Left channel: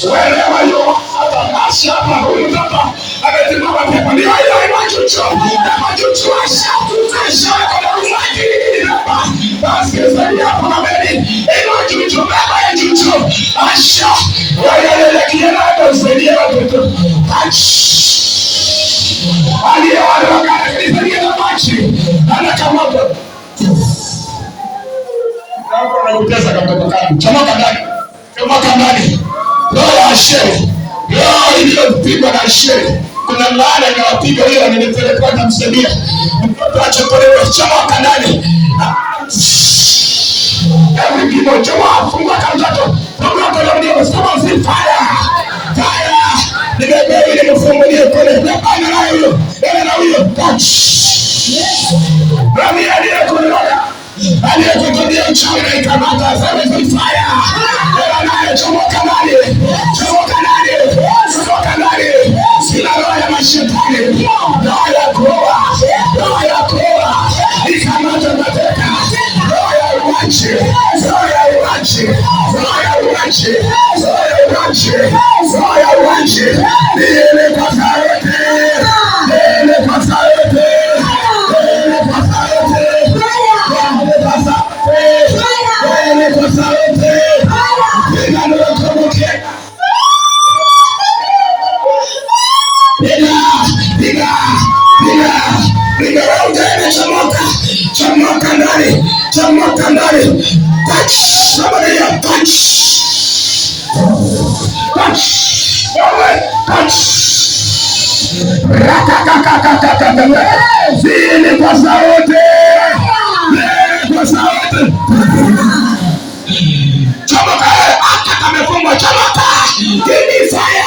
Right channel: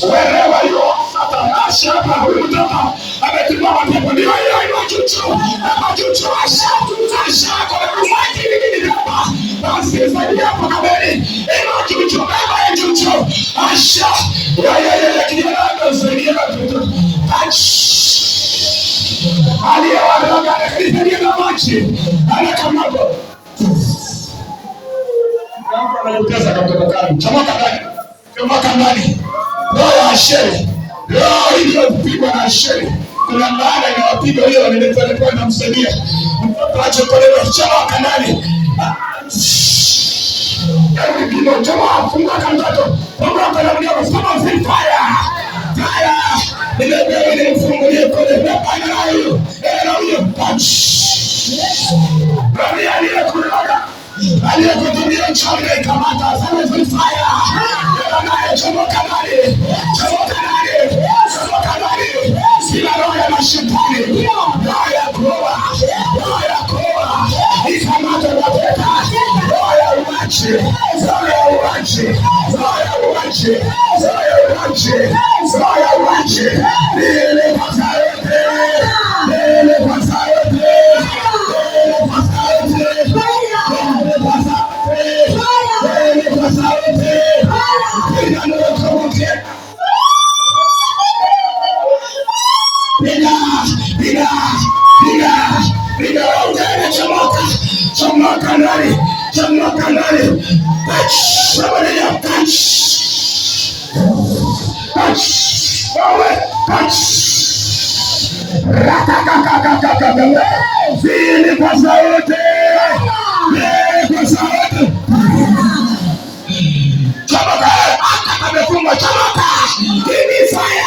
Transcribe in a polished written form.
Wherever you are, shapa huyu mtoto ametimama pepo ndio hiyo machuchu asha kwa kumwajiri nini hapa basi sasa hapo na beni machuchu baba chuchu asha wewe kijana atasaidia watoto aliyewadoka akisaidia na maji anakamata hapo anapoteza katoto kangu chomoka ndani roho ya Asheri, roho iliyopigwa na Asheri, kuna laana inawapiga hiyo, nilipelekwa na msaidia mtoto achotolewe, chomoka ndani. Every people, chomoka, fungua mtoto, fungua mtoto, stop on fire, nimebeba nimfungulie kule, nimepanga na huyo, touch. Rami aliyekuambia uchawi na ikamata, sema fire, chomoka ndani. Sina roho ya mashetani, roho ya kuoa, ikamata mateka, roho ya uachi, niende kwa sauti, chomoka ndani, touch, somebody touch, zile kwa sauti, chomoka, hata kamefungwa, chomoka, give me fire.